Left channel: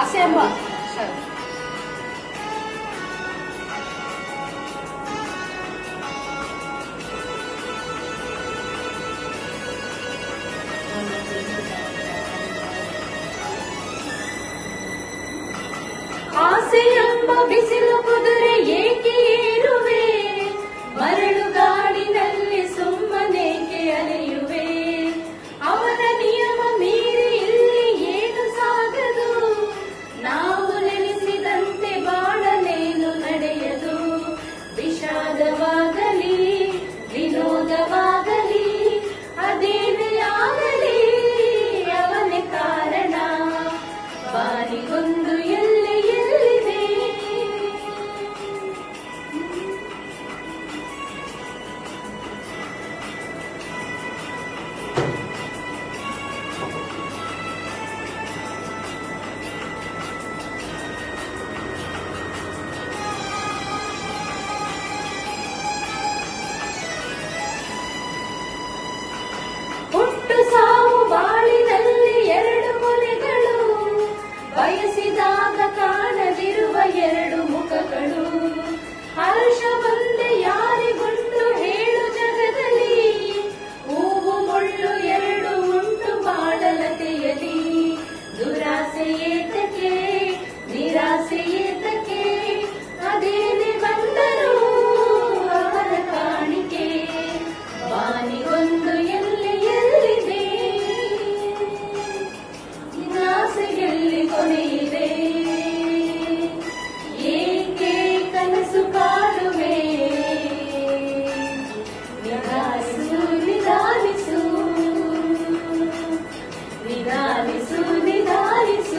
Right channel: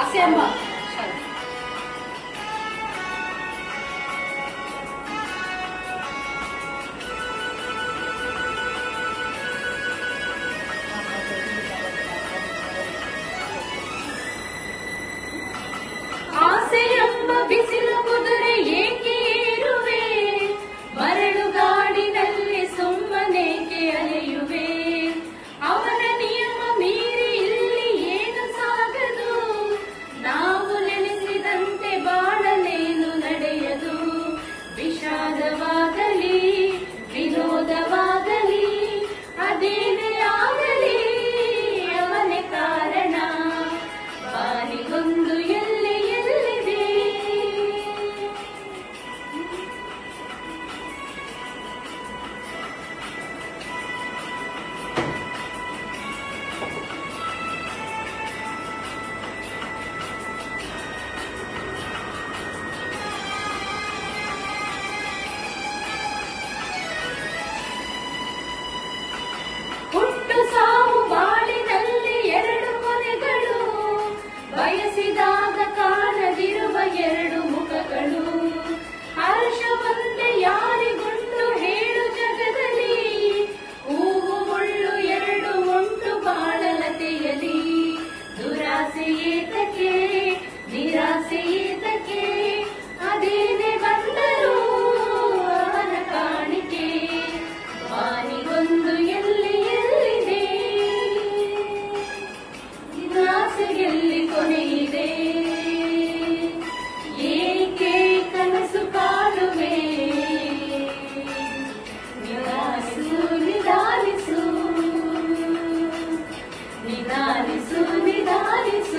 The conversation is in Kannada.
ಆಸೆ ಎಂಬ ಆಸೆಯೆಂಬ ಬಿಸಿಲು ಕುದುರೆ ಏಕೆ ಏರುವೆ, ಮರಳು ಗಾಡಿನಲ್ಲಿ ಸುಮ್ಮನೇಕೆ ಅಲೆಯುವೆ. ಅವನ ನಿಯಮ ಮೀರಿ ಇಲ್ಲಿ ಏನು ಸಾಗದು, ನಾವು ನೆನೆಸಿದಂತೆ ಬಾಳಲೇನು ನಡೆಯದು. ವಿಷಾದವಾಗಲಿ ವಿನೋದವಾಗಲಿ ಅದೇನೇ ಆಗಲಿ ಅವನೇ ಕಾರಣ. ಬಾರಿಗೊಂದು ಹುಟ್ಟು ಸಾವು ಬಾಳಿನಲ್ಲಿ ಎರಡು ಕೊನೆಗಳು, ಬಯಸಿದಾಗ ಕಾಣದಿರುವ ಎರಡು ಮುಖಗಳು. ಹರ್ಷ ಒಂದೇ ಯಾರಿಗುಂಟು ಹೇಳು ಜಗದಲ್ಲಿ, ಹೂವು ಮುಳ್ಳು ಎರಡು ಉಂಟು ಬಾಳಲತೆಯಲಿ. ದುರಾಸೆ ಏತಕ್ಕೆ ನಿರಾಸೆ ಏತಕ್ಕೆ, ಅದೇನೆ ಬಂದರೂ ಅವನ ಕಾಣಿಕೆ. ಬಾನಿಗೊಂದು ಎಲ್ಲಿದೆ ಆಸೆಯಲ್ಲಿ ಕೊನೆಯಿಲ್ಲ.